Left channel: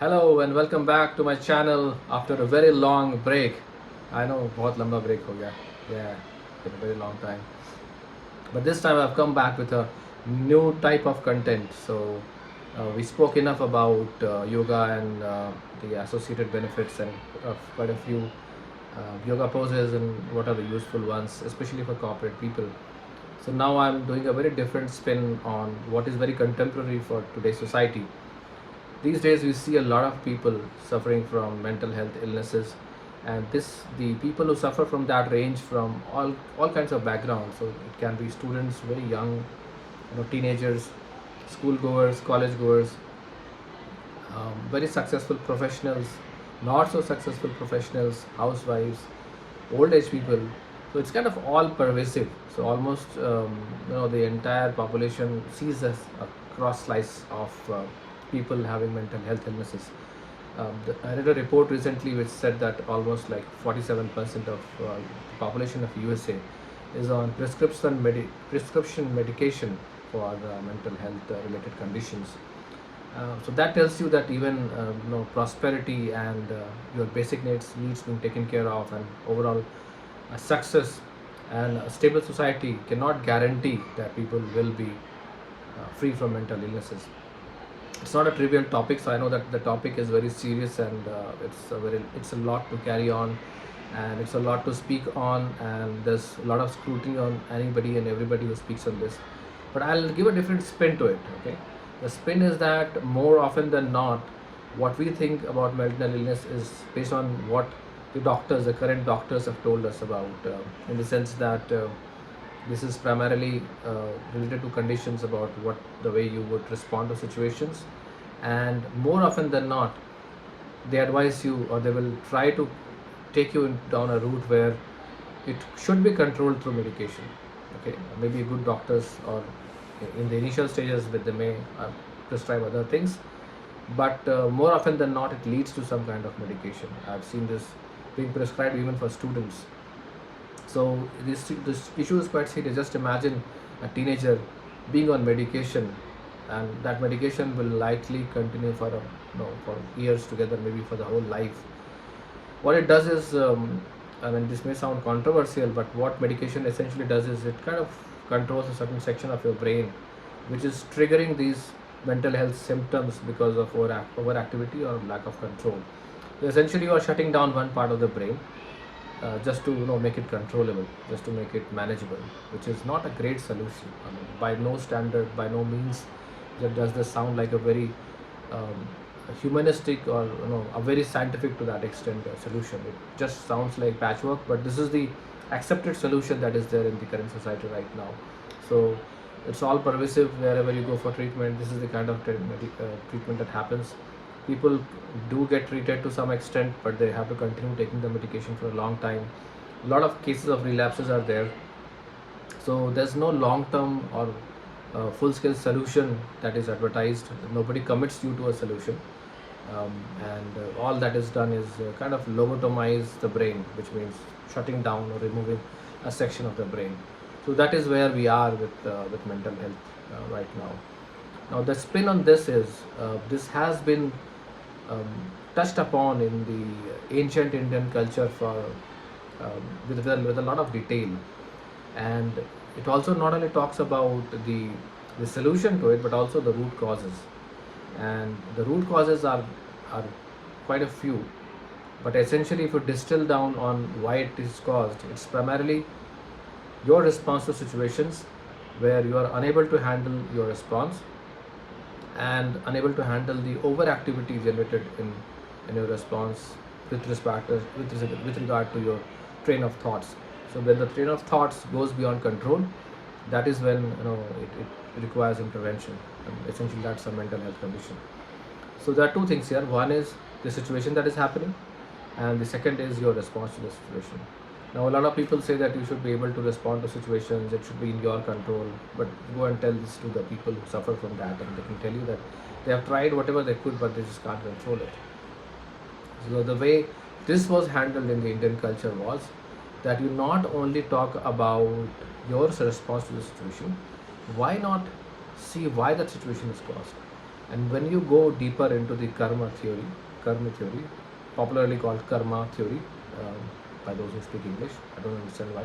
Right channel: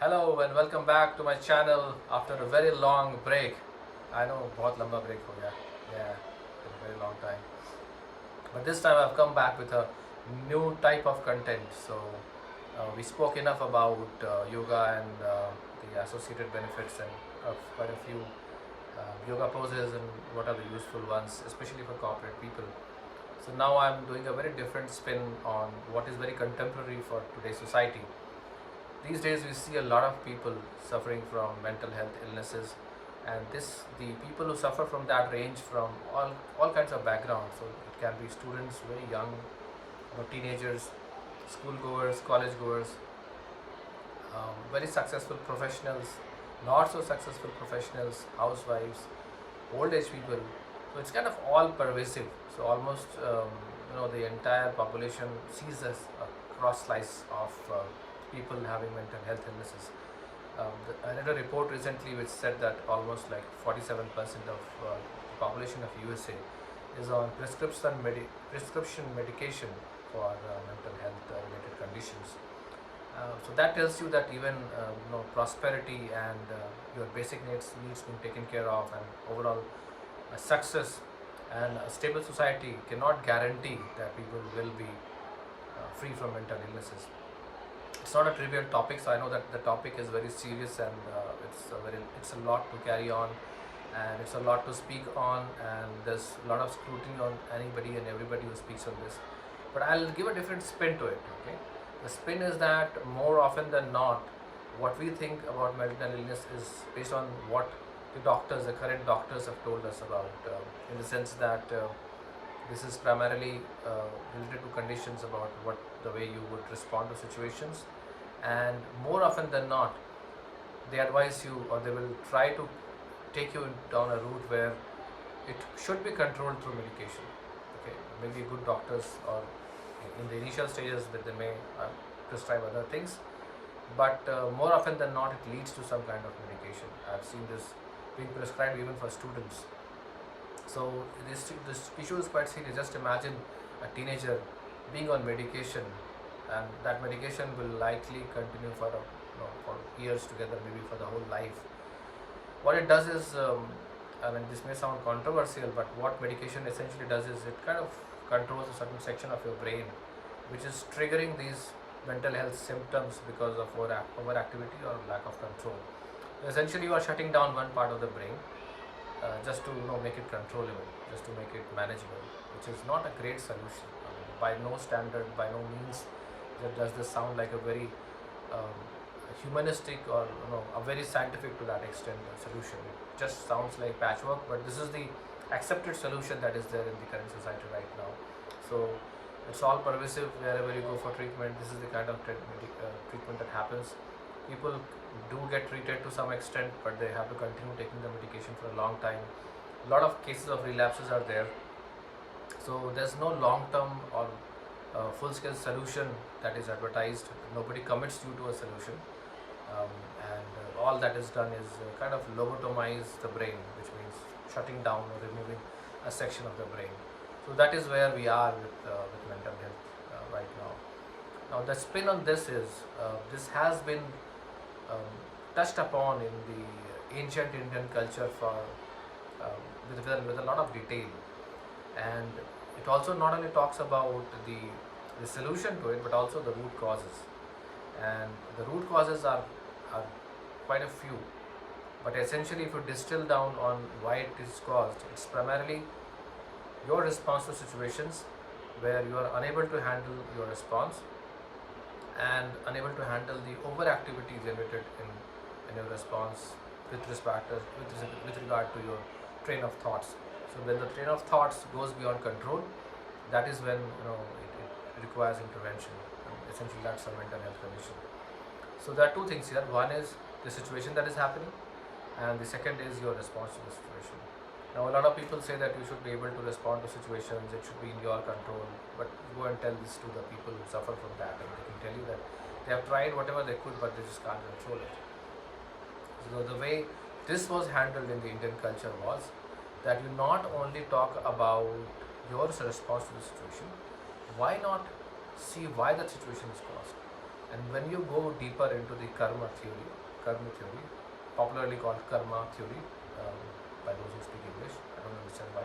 Hello and welcome back to my channel after a very long break. I know बहुत लंबा break हो गया. Yeah, been a very long time. But this time I've come back with a new type of content. So we spoke enough about yoga and the associated benefits and quite a few yoga poses and what are the useful ones, especially for corporate people. So now I'm doing a very different spin on what is very contemporary for today's society. These days we see a lot of people suffering from mental health illnesses, and the people who suffer from that range from all kinds of backgrounds. So it can be students very young, teenagers, school goers, college goers, very successful professionals, not so successful professionals, housewives, old age people. So it's kind of all pervasive. So almost the entire population sees as a cross slice of people having mental health illnesses. I read a report recently which said that almost like 47% of the population of USA is on prescription medication for mental health related conditions. So that tells you that even prosperity and your basic needs being taken care of, and overall success and a stable society cannot guarantee that people will be free from mental illnesses. It's not a trivial topic, so I know that the topic is very serious, and it's a lot to carry on, and it's a lot to speak on, and there's a lot of scrutiny on anybody and everybody who speaks on this. But I'll give a different spin to it. Okay, the spin is that more often than not, what we think about mental illness is based on what the current doctors have told us about, in the sense that this is primarily related to conditions about what the way you would respond to situations, and more often than not, they advise you, or they will try to take you down a route where it should be controlled through medication. Okay, maybe good doctors, or in the initial stages, but they may prescribe other things, but more often than not, it leads to some kind of medication. I've seen this being prescribed even for students. So this issue is quite serious. Just imagine a teenager being on medication, and that medication will likely continue for for years together, maybe for the whole life. What it does is, I mean, this may sound controversial, but what medication essentially does is it kind of controls a certain section of your brain, which is triggering these mental health symptoms because of overactivity or lack of control. So essentially, you are shutting down one part of the brain, just to make it controllable, just to make it manageable, which is not a great solution. I mean, by no standard, by no means, does this sound like a very um, humanistic, or a very scientific to that extent solution. It just sounds like patchwork, but this is the accepted solution that is there in the current society right now. So it's all pervasive wherever you go for treatment. This is the kind of treatment that happens. People do get treated to some extent, but they have to continue taking the medication for a long time. A lot of cases of relapses are there. So there's no long term or full scale solution that is advertised. Nobody commits you to a solution, and all that is done is kind of lobotomize the brain, which means shutting down or removing a section of the brain. So that is where we are with mental health right now. Now the spin on this is, this has been um, touched upon in the ancient Indian culture for with a lot of detail, and it also not only talks about the solution to it, but also the root causes. And the root causes are quite a few, but essentially, if you distill down on why it is caused, it's primarily your response to situations where you are unable to handle your response, and unable to handle the overactivity generated in your response with regard to your train of thoughts. So when the train of thoughts goes beyond control, that is when it requires intervention. And essentially, that's a mental health condition. So there are two things here. One is the situation that is happening, and the second is your response to the situation. Now, a lot of people say that you should be able to respond to situations, it should be in your control, but go and tell this to the people who suffer from that, and they can tell you that they have tried whatever they could, but they just can't control it. So, the way this was handled in the Indian culture was that you not only talk about your response to the situation, why not see why that situation is caused? And when you go deeper into the karma theory, popularly called karma theory, um, by those who speak English, I don't understand why.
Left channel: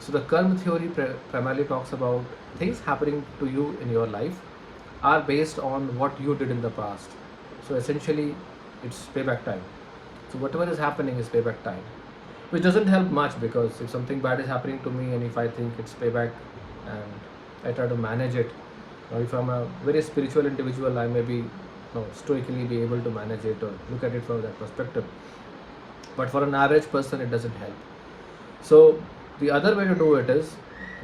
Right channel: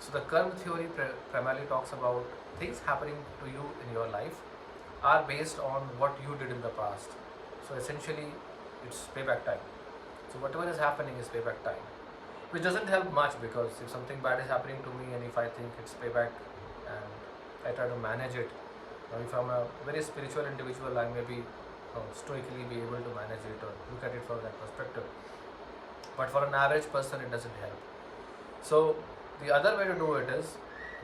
So the karma theory primarily talks about things happening to you in your life are based on what you did in the past. So essentially, it's payback time. So whatever is happening is payback time, which doesn't help much, because if something bad is happening to me and if I think it's payback and I try to manage it, or if I'm a very spiritual individual, I may be stoically be able to manage it or look at it from that perspective. But for an average person, it doesn't help. So the other way to do it is,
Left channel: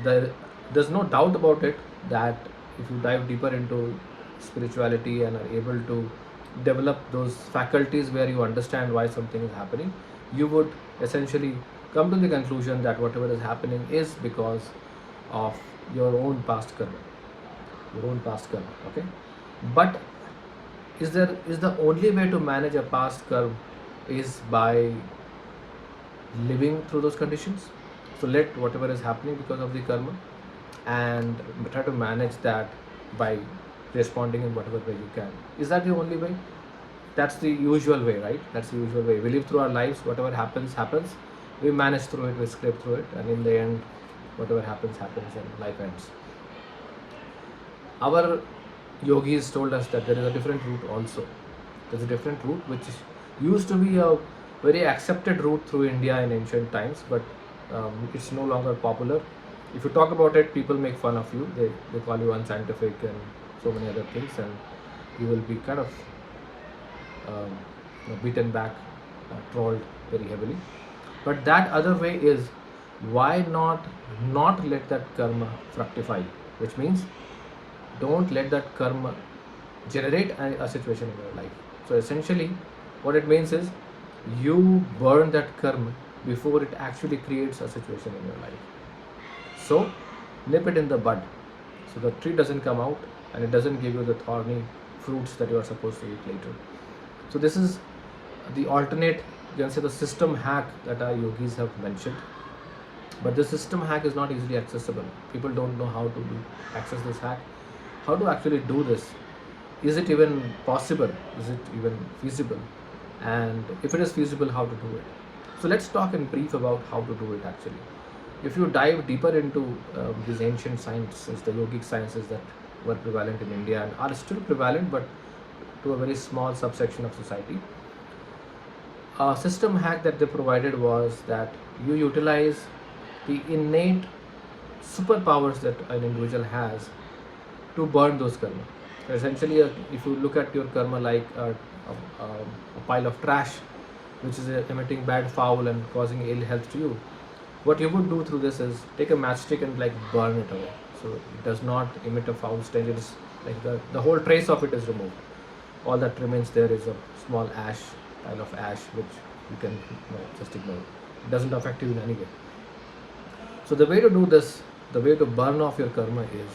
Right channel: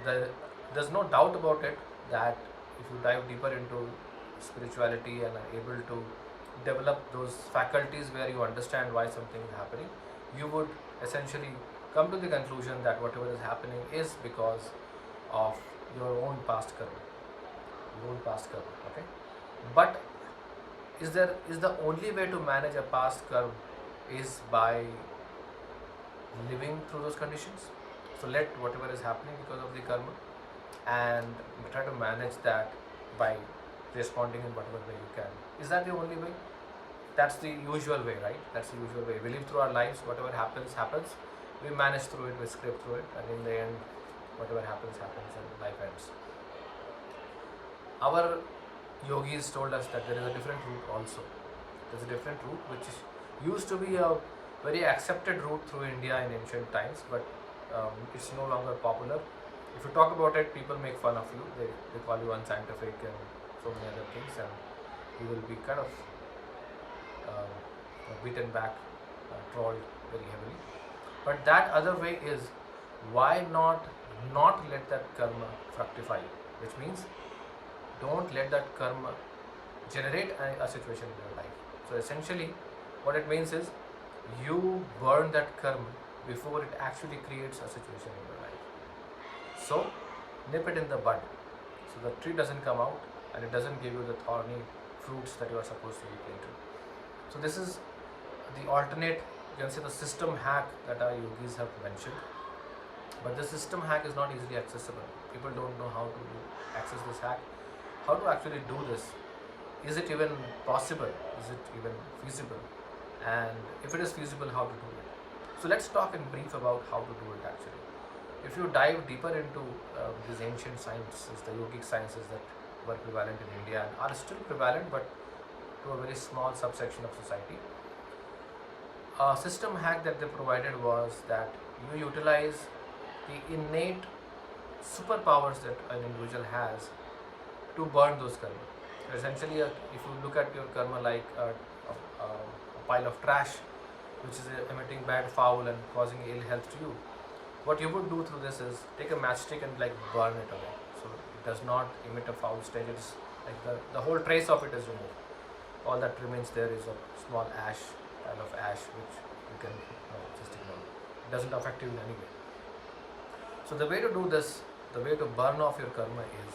there's no doubt about it that if you dive deeper into spirituality and are able to develop those faculties where you understand why something is happening, you would essentially come to the conclusion that whatever is happening is because of your own past karma, your own past karma. Okay, but is the only way to manage a past karma is by living through those conditions? So let whatever is happening because of the karma and try to manage that by responding in whatever way you can. Is that the only way? That's the usual way, right? That's the usual way. We live through our lives, whatever happens, happens. We manage through it, we scrape through it, and in the end, whatever happens, happens, and life ends. Our yogis told us that there is a different route also. There's a different route which used to be a very accepted route through India in ancient times, but it's no longer popular. If you talk about it, people make fun of you. They call you unscientific and so many other things, and you will be kind of beaten back, trolled very heavily. But that other way is, why not let that karma fructify, which means don't let that karma generate a situation in your life. So essentially, what it means is, you burn that karma before it actually creates a situation in your life. So nip it in the bud, so the tree doesn't come out and it doesn't give you the thorny fruits that you are supposed to eat later. So this is the alternate, you can say, the system hack that our yogis have mentioned. But the system hack is not easily accessible. People don't know how to access this hack, how to actually do this. Is it even possible? Is it even feasible? And if it is feasible, how to do it? So let's talk in brief about how to do it actually. If you dive deeper into these ancient sciences, the yogic sciences that were prevalent in India and are still prevalent, but to a very small subsection of society, a system hack that they provided was that you utilize the innate superpowers that an individual has to burn those karma. So essentially, if you look at your karma like a pile of trash, which is emitting bad foul and causing ill health to you, what you would do through this is take a matchstick and like burn it away. So it does not emit a foul stench. It is like the whole trace of it is removed. All that remains there is a small pile of ash, which you can just ignore. It doesn't affect you in any way. So the way to do this, the way to burn off your karma is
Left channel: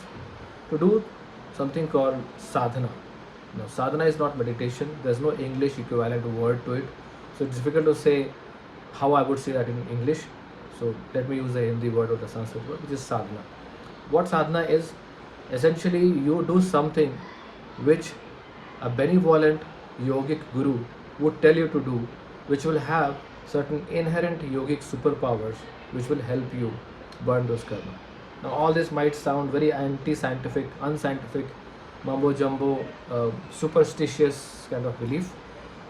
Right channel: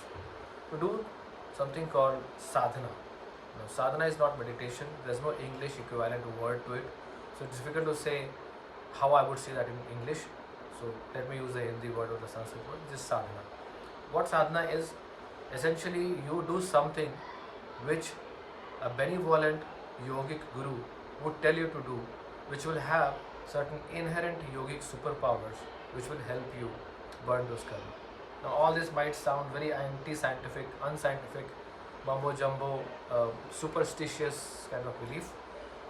to do something called sadhana. Now, sadhana is not meditation. There's no English equivalent word to it. So it's difficult to say how I would say that in English. So let me use the Hindi word or the Sanskrit word, which is sadhana. What sadhana is, essentially you do something which a benevolent yogic guru would tell you to do, which will have certain inherent yogic superpowers which will help you burn those karma. Now all this might sound very anti-scientific, unscientific, mumbo jumbo, superstitious kind of belief.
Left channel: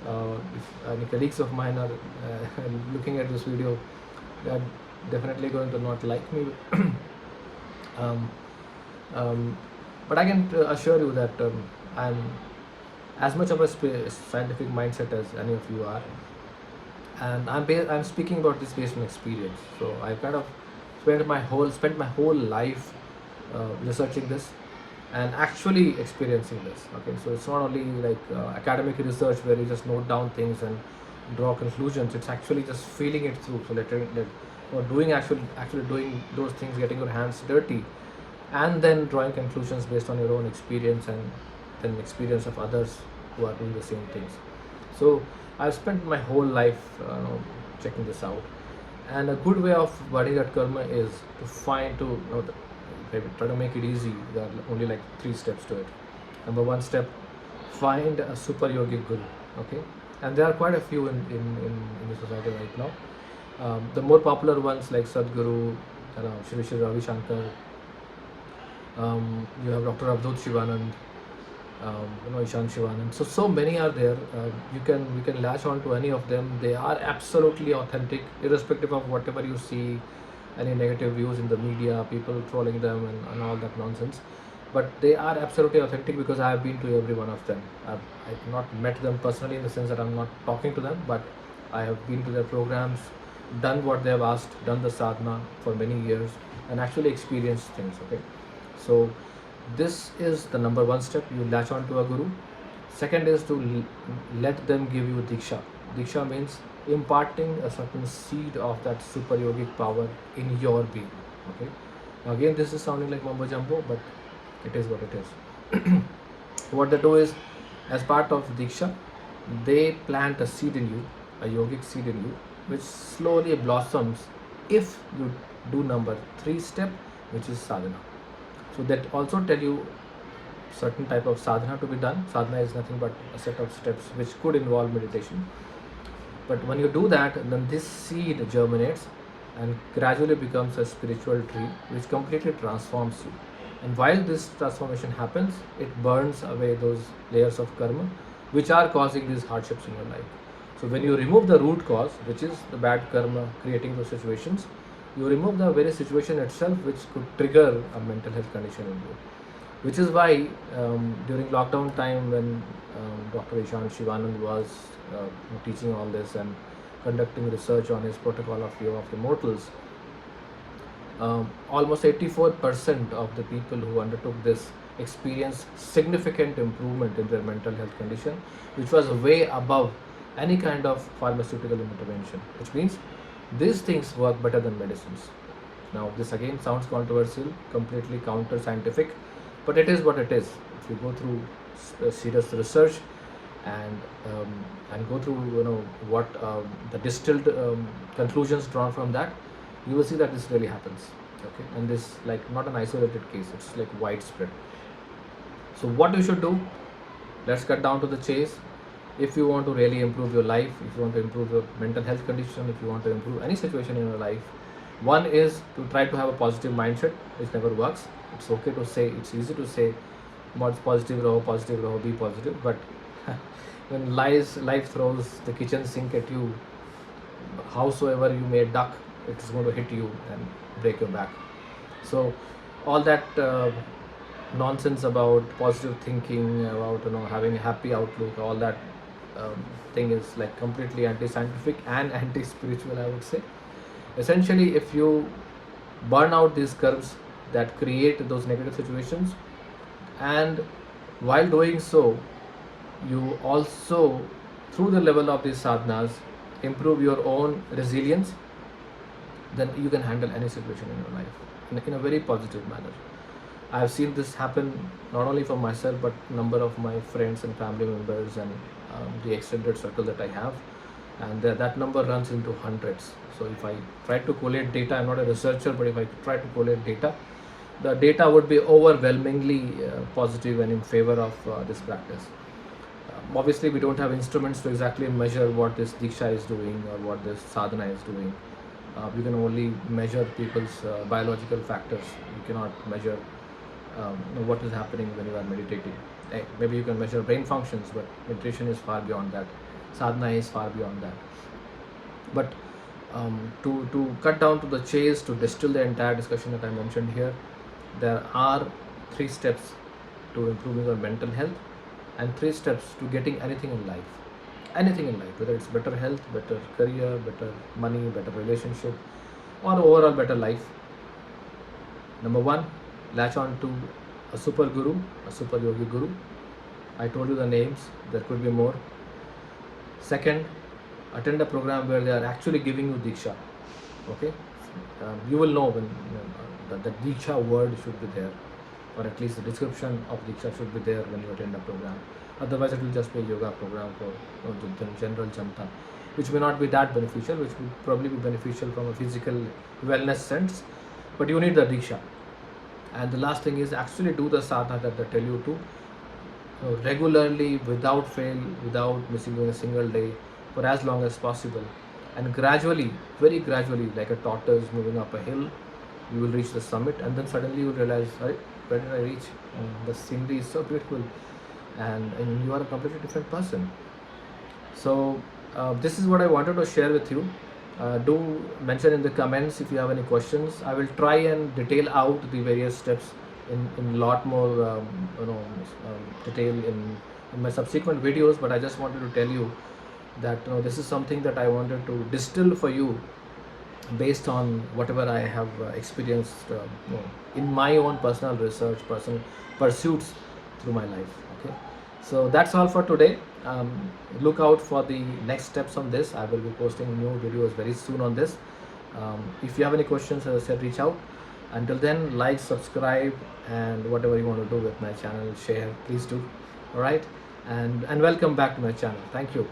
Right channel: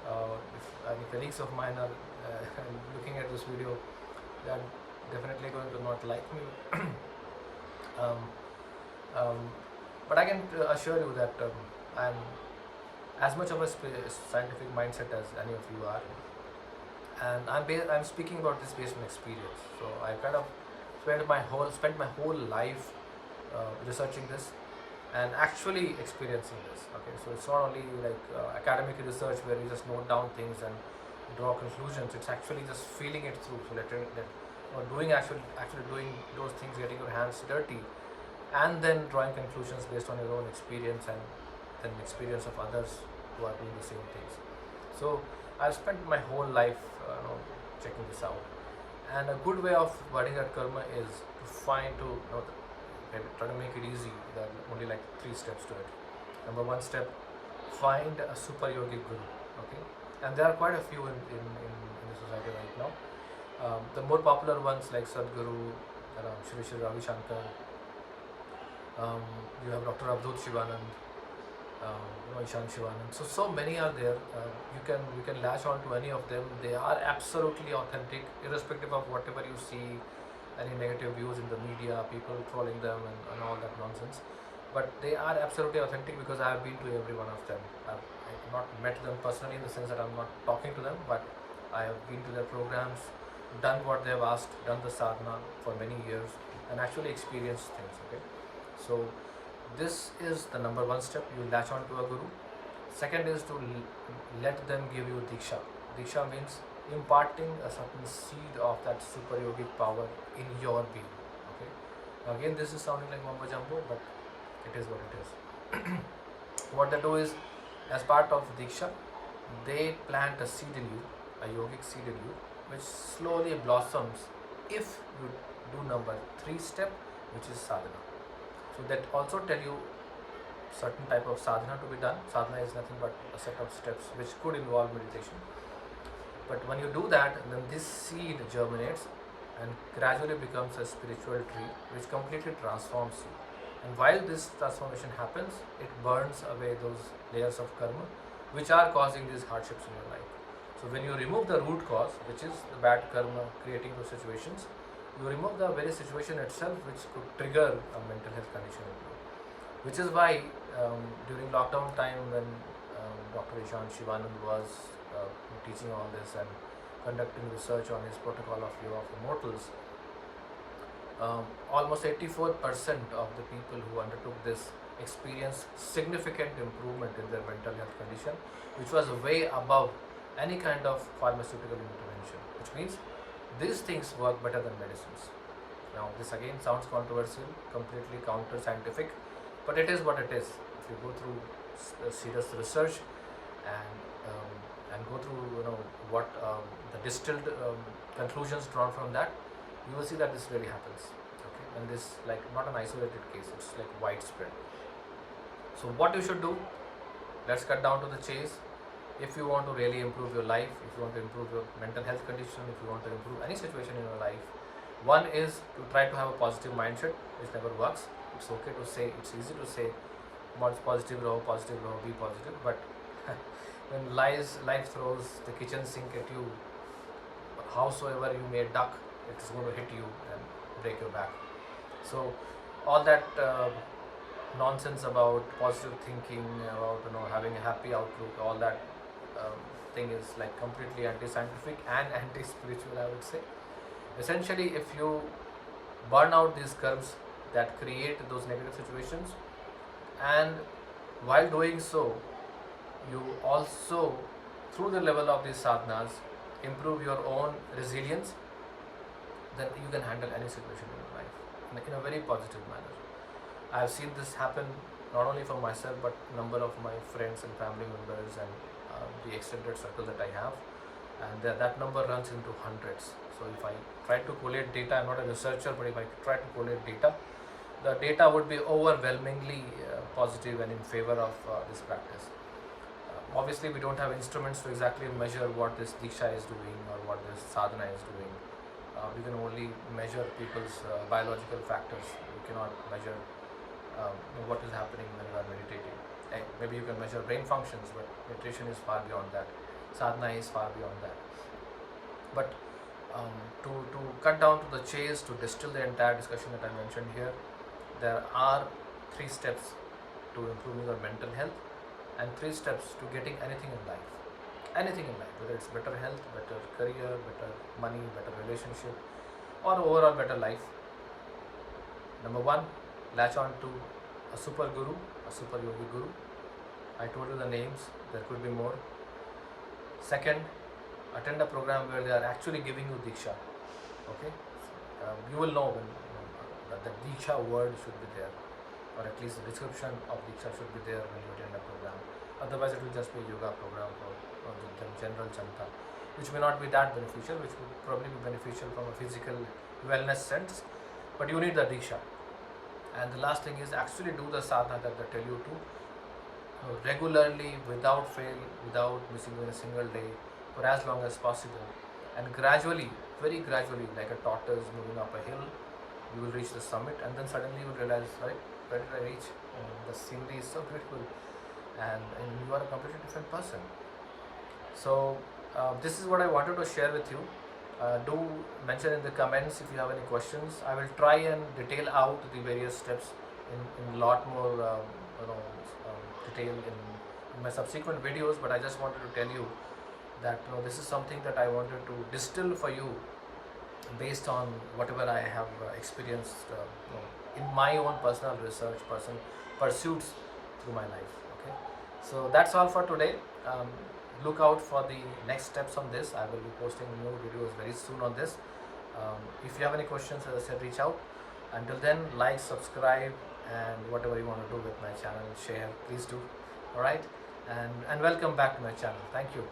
If any colleagues of mine are looking at this video, they're definitely going to not like me. um, but I can assure you that I'm as much of a scientific mindset as any of you are, and I'm speaking about this based on experience. So I kind of spent my whole life researching this and actually experiencing this. Okay, so it's not only like academic research where you just note down things and draw conclusions. It's actually just feeling it through. So doing actually doing those things, getting your hands dirty, and then drawing conclusions based on your own experience and then experience of others who are doing the same things. So I've spent my whole life checking this out, and a good way of burning that karma is to maybe try to make it easy. There are only like 3 steps to it. Number one step, find a super yogic guru. Okay, and there are quite a few in the society right now. The more popular ones like Sadhguru, Shri Shri Ravi Shankar, you have Dr. Avdut Shivanand, Ishan Shivanand. So many are there. You can latch on to any of them. They are absolutely authentic, irrespective of whatever you see, any negative views in the media, people trolling them and all that nonsense. But they are absolutely authentic because I have been to every one of them. I've not met them personally in the sense that I'm not talking to them, but I have been to their programs, done what they have asked, done the sadhana for many years, and actually experienced things. Okay, so this is the number one step. You latch on to a guru. Second is to let them give you diksha. Diksha means imparting a certain seed of that super yogic power in your being. Okay. Now again, this is sounding like mumbo jumbo, but it is what it is. What they do is, as part of diksha, they plant a seed in you, a yogic seed in you, which slowly blossoms if you do number 3 step, which is sadhana. So that also tell you certain type of sadhana to be done. Sadhana is nothing but a set of steps which could involve meditation. But when you do that, then this seed germinates and gradually becomes a spiritual tree which completely transforms you. And while this transformation happens, it burns away those layers of karma which are causing these hardships in your life. So when you remove the root cause, which is the bad karma creating those situations, you remove the very situation itself which could trigger a mental health condition in you. Which is why during lockdown time, when Dr. Ishan Shivanand was teaching all this and conducting research on his protocol of Yoga of the Mortals, almost 84% of the people who undertook this experienced significant improvement in their mental health condition, which was way above any kind of pharmaceutical intervention, which means these things work better than medicines. Now, this again sounds controversial, completely counter scientific, but it is what it is. If you go through serious research and go through what the distilled conclusions drawn from that, you will see that this really happens. Okay, and this like not an isolated case; it's like widespread. So, what you should do? Let's cut down to the chase. If you want to really improve your life, if you want to improve your mental health condition, if you want to improve any situation in your life, one is to try to have a positive mindset, which never works. It's okay to say, it's easy to say, positive raho, be positive, but when life throws the kitchen sink at you, howsoever you may duck, it's going to hit you and break your back. So all that nonsense about positive thinking, about having a happy outlook, all that thing is like completely anti-scientific and anti-spiritual, I would say. Essentially, if you burn out these curves that create those negative situations, and while doing so, you also, through the level of these sadhanas, improve your own resilience, then you can handle any situation in your life in a very positive manner. I have seen this happen not only for myself, but number of my friends and family members and the extended circle that I have, and that number runs into hundreds. So if I try to collate data, I'm not a researcher, but if I try to collate data, the data would be overwhelmingly positive and in favor of this practice. Obviously, we don't have instruments to exactly measure what this Diksha is doing or what this sadhana is doing. We can only measure people's biological factors. You cannot measure what is happening when you are meditating. Maybe you can measure brain functions, but meditation is far beyond that. Sadhana is far beyond that. But to cut down to the chase, to distill the entire discussion that I mentioned here, there are 3 steps to improving your mental health and 3 steps to getting anything in life. Anything in life, whether it's better health, better career, better money, better relationship, or overall better life. Number 1, latch on to a super guru, a super yogi guru. I told you the names, there could be more. Second, attend a program where they are actually giving you Diksha. Okay, you will know when the Diksha word should be there, or at least the description of Diksha should be there when you attend a program. Otherwise, it will just be a yoga program for general Janta, which may not be that beneficial, which will probably be beneficial from a physical wellness sense, but you need the Diksha. And the last thing is actually do the sadhana that they tell you to. regularly, without fail, without missing a single day, for as long as possible. And gradually, very gradually, like a tortoise moving up a hill, you will reach the summit, and then suddenly you will realize, where did I reach? And the scenery is so beautiful, and you are a completely different person. So this is what I wanted to share with you. Do mention in the comments if you have any questions. I will try and detail out the various steps in lot more detail in my subsequent videos. But I just wanted to tell you that this is something that I wanted to distill for you based on whatever I have experienced in my own personal research, personal pursuits through my life. Okay, so that's all for today. Look out for the next steps on this. I will be posting new videos very soon on this. If you have any questions, as I said, reach out. Until then, like, subscribe, and whatever you want to do with my channel, share, please do. All right, and welcome back to my channel. Thank you.